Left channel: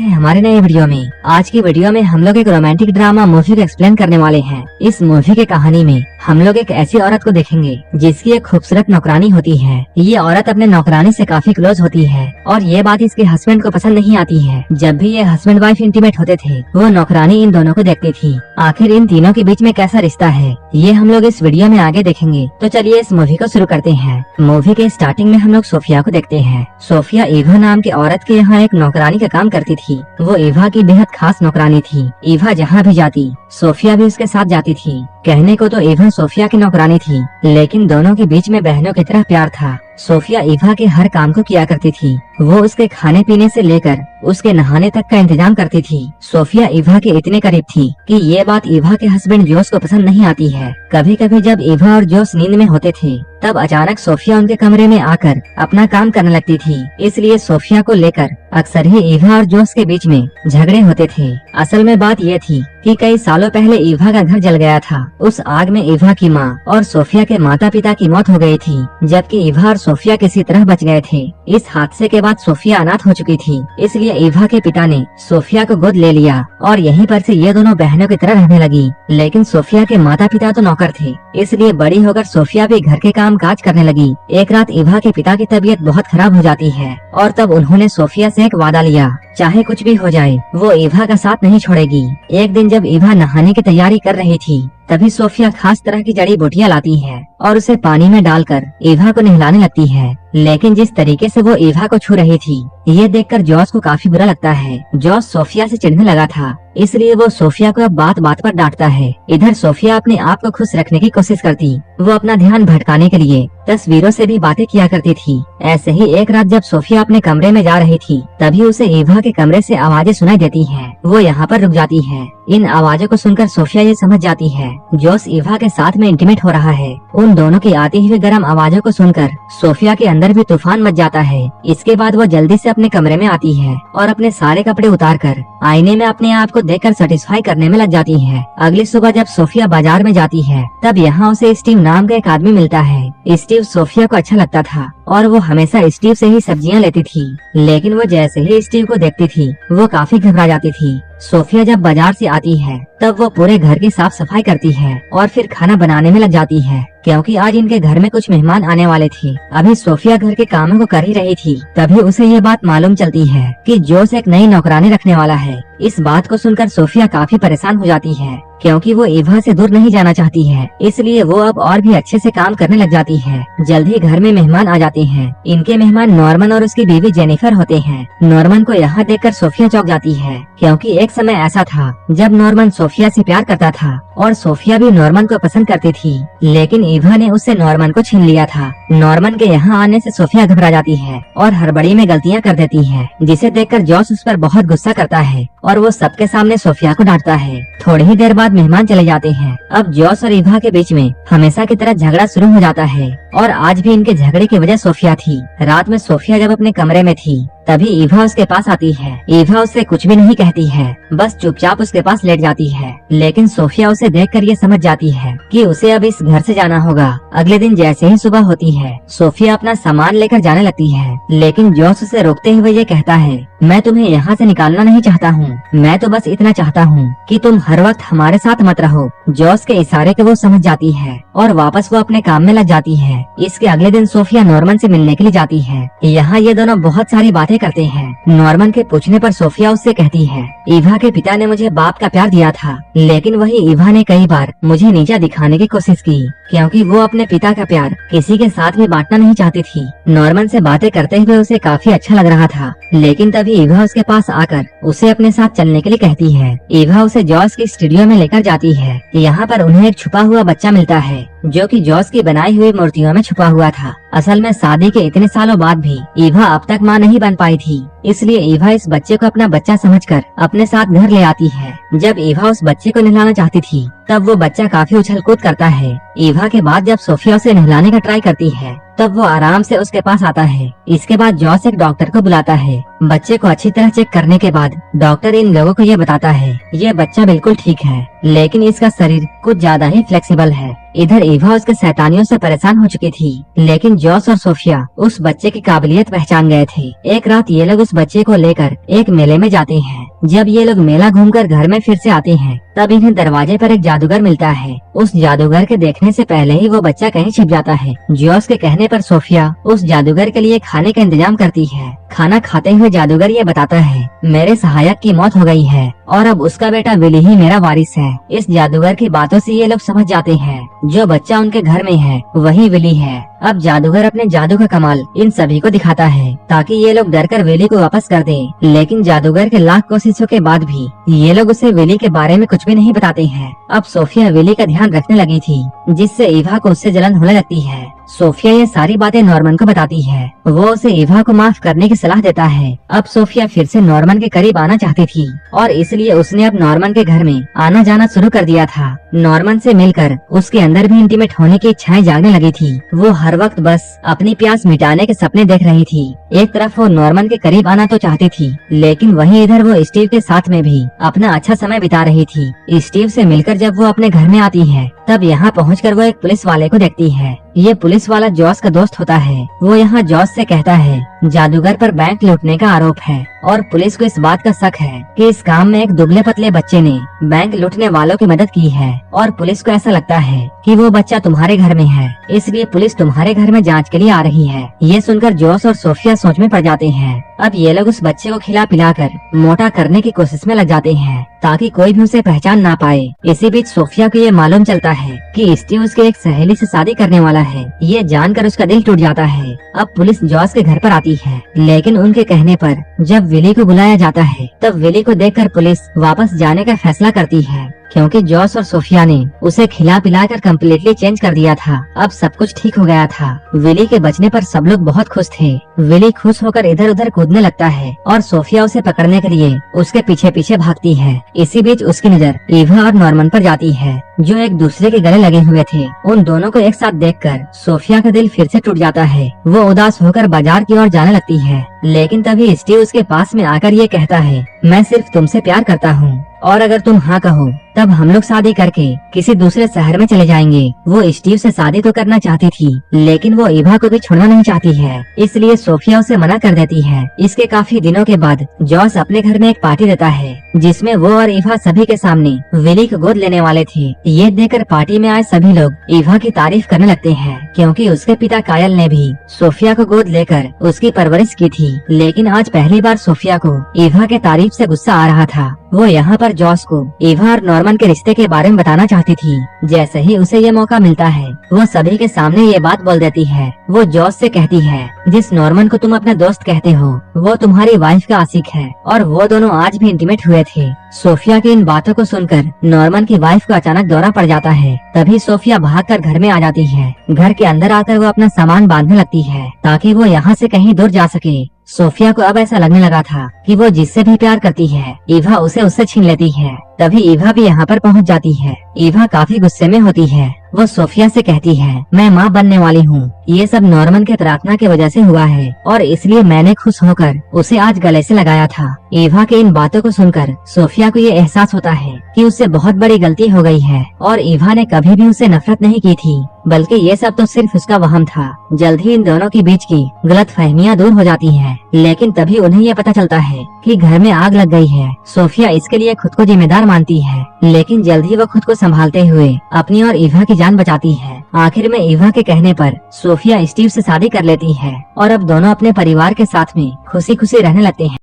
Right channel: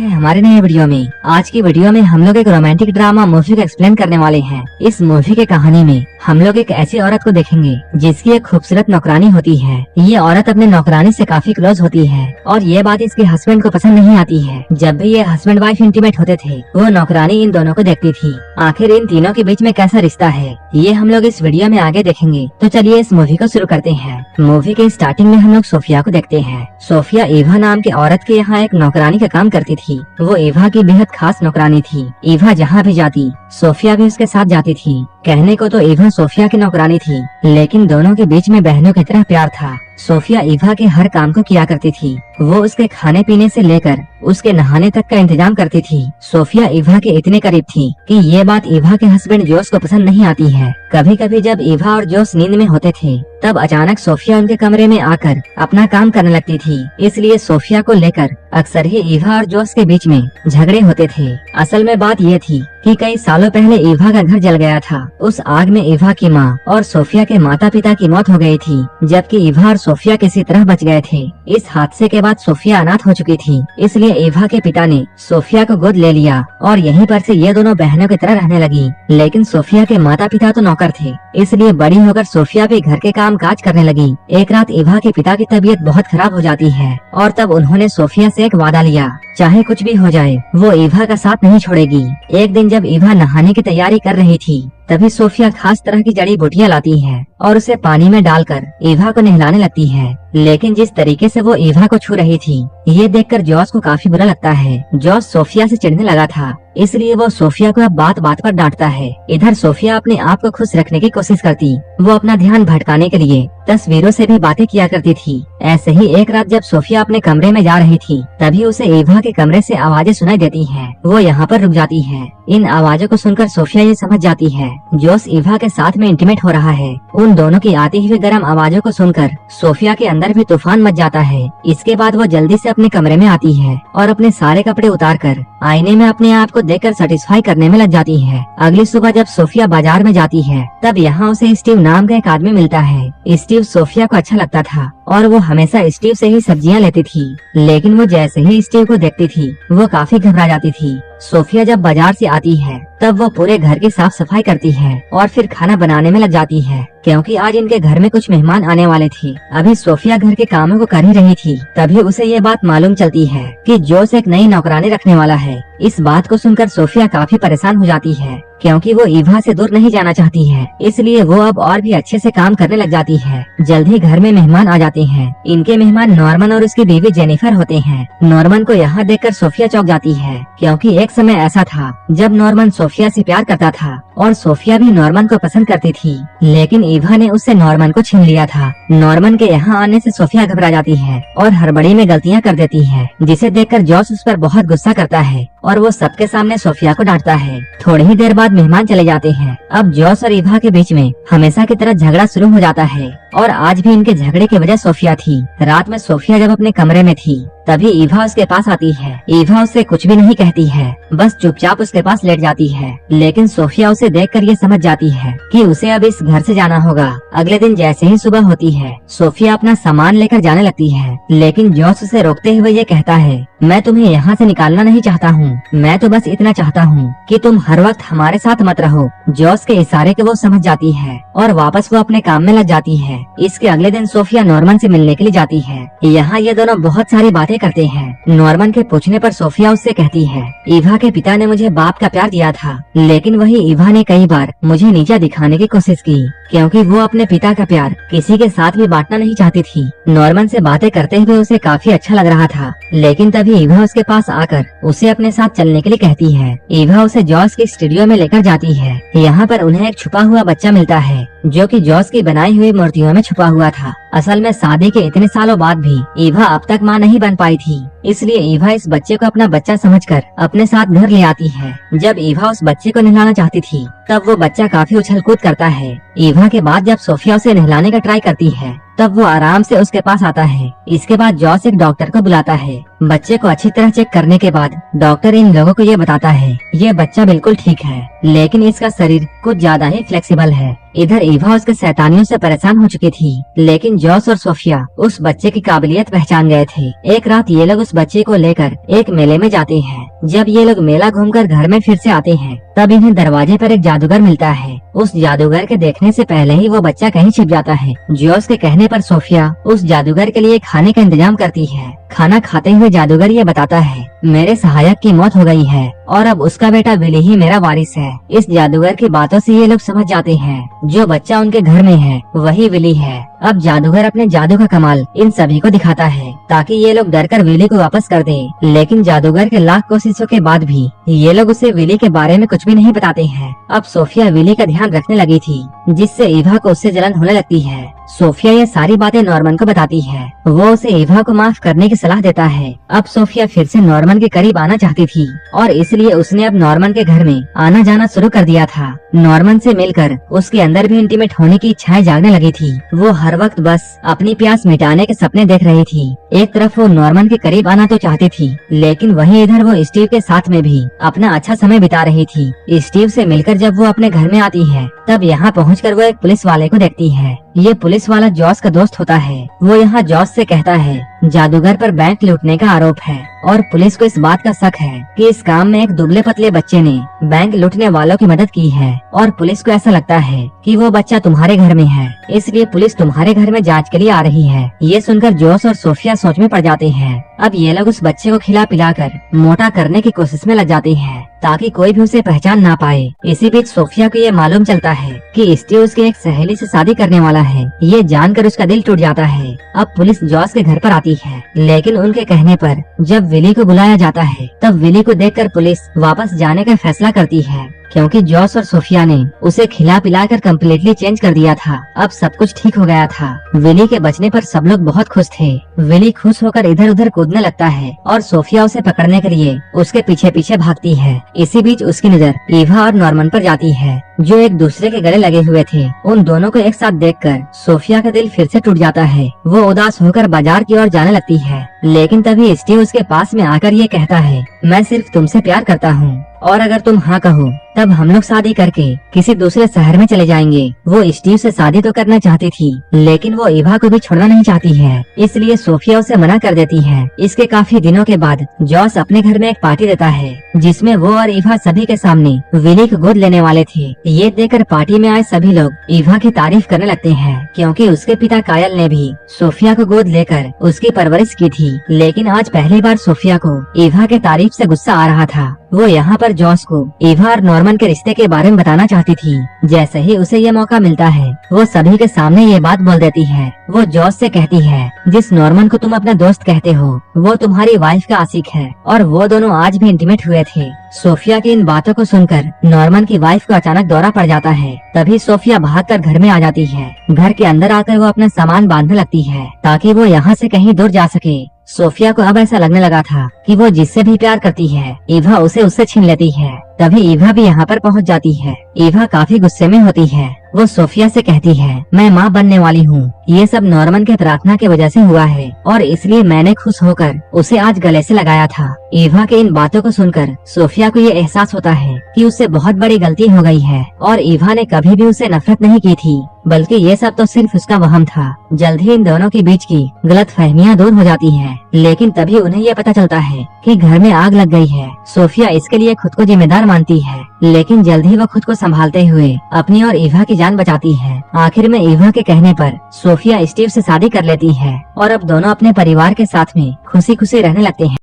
है हमारे नए वीडियो में। आज की वीडियो में हम लोग एक रोमांटिक ड्रामा मूवी को एक्सप्लेन करने वाले हैं। इस मूवी की कहानी में हम लोग एक ऐसी औरत को देखेंगे जिसकी एक खूबसूरत नौकरानी होती है। ये औरत अपने नौकरानी से काफी क्लोज होती है और ये बात इसके हस्बैंड को पसंद नहीं आती है। जब भी ये हस्बैंड वाइफ इंटीमेट होते थे वो नौकरानी इन दोनों को देखती थी। आखिर इन तीनों के बीच में कैसा रिश्ता है ये हम लोग इस वीडियो में आगे देखेंगे। तो चलिए इस मूवी को शुरू करते हैं। मूवी के स्टार्टिंग में हम लोग सोफिया को देखते हैं। सोफिया ईवा नाम की औरत के यहाँ एक नौकरानी का काम करती थी। वो ईवा की बेहद खास नौकरानी थी। ईवा जहाँ भी जाती सोफिया भी उसके साथ जाती थी। कहने को तो ईवा सोफिया की नौकरानी थी, लेकिन दोनों के बीच में बहनों की तरह प्यार था। सोफिया ईवा के हर काम को किया करती थी। वो उसके खाने पीने से लेकर उसके नहाने तक का इंतजाम करती थी। सोफिया ईवा के इतने करीब थी कि ये बात ईवा के हस्बैंड जोस को पसंद नहीं आती है। कभी कभी जब ईवा और जोस नींद में होते थे तब अचानक सोफिया उनके कमरे में आकर अपना काम करने लगती थी। इसलिए सोफिया को लेकर अक्सर ही ईवा और जोस के बीच में झगड़े होते थे। असल में बात ये थी कि कई सालों पहले ईवा का घर जल गया था। उस आग में ईवा की माँ और सोफिया के माता पिता की मौत हो गई थी, जबकि ईवा और सोफिया किसी तरह बच गए थे। इस हादसे के बाद सोफिया अनाथ हो चुकी थी, इसलिए ईवा के पिता ने सोफिया को गोद ले लिया और यहीं पर से ये दोनों बहनों की तरह रहने लगी। लेकिन सोफिया के माता पिता तो नौकर थे, इसलिए बड़ी होकर सोफिया भी घर के काम काज करने लगी। एक रात ईवा के पिता की तबीयत बहुत खराब हो जाती है और तब उन्होंने सोफिया से एक वादा लिया, चाहे कुछ भी हो जाए वो ईवा का साथ नहीं छोड़ेगी। एक दिन जब ईवा नहाने की तैयारी कर रही थी तभी सोफिया खास तरह की जड़ी बूटियां लाती है और उसे पानी में डालकर ईवा को नहलाने लगती है। लेकिन जिस तरीके से वो ईवा को छू रही थी ये देखकर जॉस को काफी बुरा लगता है। जॉस सोफिया से चिढ़ने लगा था, इसलिए वो सोफिया को अब बात बात पर डांटता है। इधर सोफिया अपने आप को खुश रखने की कोशिश करती। वो अपना ध्यान भटकाने के लिए तस्वीरों से भी बातें किया करती थी। ऐसे ही एक रात जब सोफिया अपने कमरे में जा रही थी तभी उसे ईवा के कमरे से आवाजें सुनाई देती हैं। वो यहाँ पर रुक जाती है। इन आवाजों को सुनकर सोफिया ये समझ जाती है जोस ईवा के साथ में इंटीमेट हो रहा है। उन दोनों की आती हुई गर्म आवाजों को सुनकर सोफिया के अंदर भी तूफान मच जाता है। इसके बाद वो जल्दी से अपने कमरे में आती है और अपने सारे कपड़े उतारकर आईने में अपने आप को देखकर सेटिस्फाई करने में लग जाती है। अगली सुबह जब सोफिया बाजार में जाती है तब यहाँ उसे स्टीव नाम का एक आदमी मिलता है। स्टीव सोफिया को अच्छा लगता था और वो हमेशा स्टीव से ही सब्जियां लेती थी, लेकिन वो जैसे ही स्टीव को देखती थी वो काफी घबरा जाती थी। सोफिया जब बाजार से आती है तब वो पूरे घर की साफ सफाई करती है और फिर खाना बनाने में लग जाती है, क्योंकि आज इनके घर में कुछ मेहमान आने वाले थे। अभी सोफिया घर के कामों को कर ही रही थी तभी उसे ये बात मालूम चलती है कि जोस एक नई नौकरानी रखने वाला है। इस बात को सुनकर सोफिया काफी परेशान हो जाती है, क्योंकि वो ईवा से दूर नहीं जाना चाहती है, इसलिए वो अब और भी अच्छे से काम करने लग जाती है। जल्द ही घर में मेहमान आ जाते हैं। इनके मेहमान नॉर्मन और उसकी बीवी जेनिफर होते हैं। नॉर्मन को यहाँ देखकर सोफिया चौंक जाती है, क्योंकि एक समय ऐसा था जब नॉर्मन सोफिया से प्यार करता था और सोफिया भी नॉर्मन को पसंद करती थी, लेकिन ईवा ने उससे नॉर्मन को छीन लिया था। नॉर्मन के यहाँ आने से सोफिया घबरा जाती है और हड़बड़ी में गलतियाँ कर देती है, जिसे देखकर जॉस उस पर बहुत गुस्सा करता है और वो सबके सामने सोफिया को डांटता है। थोड़ी ही देर बाद मेहमान चले जाते हैं। अब जॉस और ईवा के बीच में हमेशा की तरह झगड़ा शुरू हो जाता है और आज भी इनके झगड़े की वजह सोफिया थी। रात में सोफिया जब अपने कमरे में थी तभी ईवा उसके पास आती है। ईवा उससे कुछ भी नहीं कहती है, बस चुपचाप उसके पास लेट जाती है। लेकिन सोफिया उसे देखकर ये समझ जाती है कि उसे अब इस घर से जाना होगा। अगले दिन जैसे ही सुबह होती है सोफिया अपना सामान लेकर जाने लगती है, लेकिन जॉस उसे रोकते हुए ये कहता है, मैं तुम्हें यहाँ से निकालना नहीं चाहता हूँ, मैं तो बस इतना चाहता हूँ कि तुम हर वक्त हमारे साथ मत रहो। जॉस के इशारे को वो समझ जाती है और वापस वो अपने काम में लग जाती है। इसके अगले दिन सोफिया नॉर्मन से मिलने के लिए जाती है। यहाँ ये दोनों बहुत सारी बातें करते हैं। नॉर्मन के पूछने पर सोफिया उससे कहती है, ईवा के पिता ने मुझे बाप का प्यार दिया था, लेकिन वही ईवा ने कई बार मुझे नीचा दिखाने की कोशिश की, क्योंकि वो अपने पिता का प्यार किसी के साथ भी बांटना नहीं चाहती थी। नॉर्मन से बातें करते हुए उसे काफी अच्छा लग रहा था, लेकिन तभी ईवा उसके पास आकर उसे अपने साथ चलने के लिए कहती है। ईवा उसे जॉस की स्टूडियो में लेकर जाती है। यहाँ पर उन्हें एक छुपा हुआ बच्चा मिलता है जो कि जॉस की बनाई हुई मूर्तियों में छुपा हुआ था। असल में शादी के इतने सालों बाद भी ईवा अब तक माँ नहीं बन पाई थी, इसलिए ईवा इस बच्चे को अपना बच्चा समझकर अपने साथ घर ले आती है। जब ईवा उस बच्चे को नहलाना चाहती थी तब वो बच्चा काफी उछल कूद करता है। ईवा के बाद जब सोफिया उसे नहलाने का ट्राई करती है तब वो आराम से उसके पास आता है। इसके बाद जॉस एक डॉक्टर को बुलाता है। बच्चे को अच्छी तरह चेक करने के बाद डॉक्टर इन लोगों को ये बताता है ये बच्चा बिल्कुल ठीक है, लेकिन इसका शरीर कुछ ज्यादा ही फ्लेक्सिबल है। इधर ईवा उसके शैतानियों से परेशान हो चुकी थी, लेकिन जॉस और सोफिया उस बच्चे की काबिलियत पहचान गए थे। एक रात ये लोग उस बच्चे को लेकर एक मेले में जाते हैं। जब ये लोग मेला घूमकर घर में फिर से आते हैं तब इन्हें दरवाजे पर एक जादूगर मिलता है। उस जादूगर के देखने से पहले ही वो बच्चा कहीं छिप जाता है। जॉस के कहने पर सोफिया उस जादूगर के लिए खाने का इंतजाम करती है। खाना खाते हुए जादूगर ये बताता है मेरे सहायक की मौत हो गई है और अब उसका बेटा विली ही मेरा वारिस है। इस जादूगर की बातों से ये लोग समझ जाते हैं जो बच्चा उनके घर में है वही विली है। अब जादूगर अपने जादू का कमाल इन सभी को दिखाता है ताकि ये लोग डरकर विली को वापस कर दे, लेकिन जादूगर के लाख कोशिशों के बाद भी ये लोग उसे विली के बारे में कुछ भी नहीं बताते हैं। अब सोफिया विली का ध्यान रखने लगी थी, जिससे ईवा को उससे जलन होने लगती है। सोफिया ये सारी बातें नॉर्मन को बताती है। वो उसे ईवा को माफ करने की सलाह देता है। अब सोफिया फिर से नॉर्मन के करीब आना चाहती थी और इसलिए उसने अब नॉर्मन के घर में आना जाना शुरू कर दिया था। नॉर्मन से मिलकर उसके अंदर भी इंटीमेट होने की इच्छाएं जागने लगी थी। वो हर वक्त बस अपनी प्यास मिटाने के सपने देख रही थी। एक तरफ वो नॉर्मन के करीब आना तो चाहती थी, लेकिन वहीं इधर वो स्टीव के साथ में भी अपना अच्छा समय बिता रही थी। स्टीव से मिलकर जब वो अपने घर में आती है तब यहाँ पहुंचकर वो एक पुलिस वाले को देखती है। ये पुलिस वाला जॉस का दोस्त होता है। वो यहाँ जॉस से कहता है जादूगर पर बैंक लूटने का आरोप है और पुलिस को इस बात का शक है कि इस काम में एक दुबले पतले बच्चे ने बैंक लूटने वालों की मदद की है और पुलिस को ऐसा लगता है कि वो बच्चा तुम्हारे घर में है, इसलिए पुलिस तुम्हारे घर में जांच के लिए आ रही है। ये सुनकर जॉस और सोफिया सोच में पड़ जाते हैं। अब ये लोग उस बच्चे को खिला पिलाकर मोटा करने की कोशिश में लग जाते हैं ताकि कोई भी उसे पहचान ना पाए। इसी बीच सोफिया को ये मालूम चलता है कि स्टीव उसकी एक सहेली से शादी करने वाला है। ये जानकर उसका दिल टूट जाता है। अब पुलिस जॉस के घर पर आती है, लेकिन उनके कहने पर जब विली को बुलाया जाता है तब विली को देखकर पुलिस वापस जाने का फैसला करती है, क्योंकि जॉस और सोफिया ने उसे खिला पिलाकर कम्प्लीटली चेंज कर दिया था। अब सब कुछ ठीक हो गया था। विली के बचने पर सब लोग बहुत खुश थे। विली खुश होकर इधर उधर कूदने लगता है और सोफिया उसे पकड़ने के लिए उसके पीछे पीछे भागती है। इसी बीच उसकी नजर ईवा और नॉर्मन पर जाती है, जो एक दूसरे के गले लगे हुए थे। उन दोनों को एक साथ देखकर सोफिया का दिल फिर से टूट जाता है। वो उदास होकर बाजार की ओर जाने लगती है, लेकिन तभी स्टीव उसके पास में आकर ये कहता है मैं सिर्फ तुमसे प्यार करता हूँ और अगर तुम हाँ कहो तब हम लोग शादी करके किसी दूसरे शहर में चले जाएंगे। वो स्टीव से शादी तो करना चाहती थी, लेकिन वो ईवा को भी छोड़ना नहीं चाहती है, इसलिए सोफिया उसे मना कर देती है। इसके काफी दिनों के बाद जॉस अपने घर में एक पार्टी देता है, जिसमें वो और ईवा सभी के सामने विली को गोद लेने वाले थे। ये देखकर पार्टी में आए सभी लोग ईवा की तारीफ करने लगते हैं, क्योंकि उसके पिता कायल ने भी सोफिया को गोद लेकर उसकी परवरिश की थी। लेकिन आज पहली बार सोफिया को ईवा के तारीफ से गुस्सा आ रहा था। वो यहाँ पर जॉस को ईवा और नॉर्मन के रिश्ते के बारे में बताना चाहती थी। जैसे ही उसे ये मौका मिलता है वो सभी के सामने ये बात बोल देती है। वो जॉस से कहती है जिस नॉर्मन को तुम अपना दोस्त कहते हो वो तुम्हारी वाइफ का आशिक है और वो दोनों आज भी इंटीमेट हुए थे। सोफिया की इन बातों को सुनकर नॉर्मन की वाइफ को अचानक दौरा पड़ जाता है। तभी सोफिया भागकर घर में आ जाती है। घर के अंदर आकर वो अपना सामान बांधने लगती है ताकि वो यहाँ से कहीं दूर जा सके। सोफिया को अब ऐसा लगने लगा था कि वो जिससे भी प्यार करती है ईवा उसे उससे छीन लेती है। तभी ईवा भी यहाँ पर पहुँच जाती है। ईवा काफी गुस्से में होती है। वो सोफिया से कहती है मैं माँ बनने वाली हूँ। ये सब नॉर्मन के प्रार्थना की वजह से हुआ है और इसलिए मैंने खुश होकर उसे आज गले से लगाया था। ईवा के इन बातों को सुनकर सोफिया को ये एहसास होता है कि उससे बहुत बड़ी गलती हो गई है और ईवा ने कभी भी उसे नफरत नहीं की थी, बल्कि ये सब तो सिर्फ उसका वहम था। जल्द ही इन दोनों के बीच की गलतफहमियां दूर हो जाती हैं, लेकिन तभी उन्हें ये पता चलता है कि घर में आग लग गई है। सोफिया इसके लिए खुद को जिम्मेदार मानती है, लेकिन जल्द ही वो खुद को संभालते हुए अपनी और ईवा की जान बचाती है। आखिर में ईवा के कहने पर सोफिया स्टीव से शादी कर लेती है और अब दोनों अपने परिवार के साथ में खुशी खुशी रहने लगते हैं।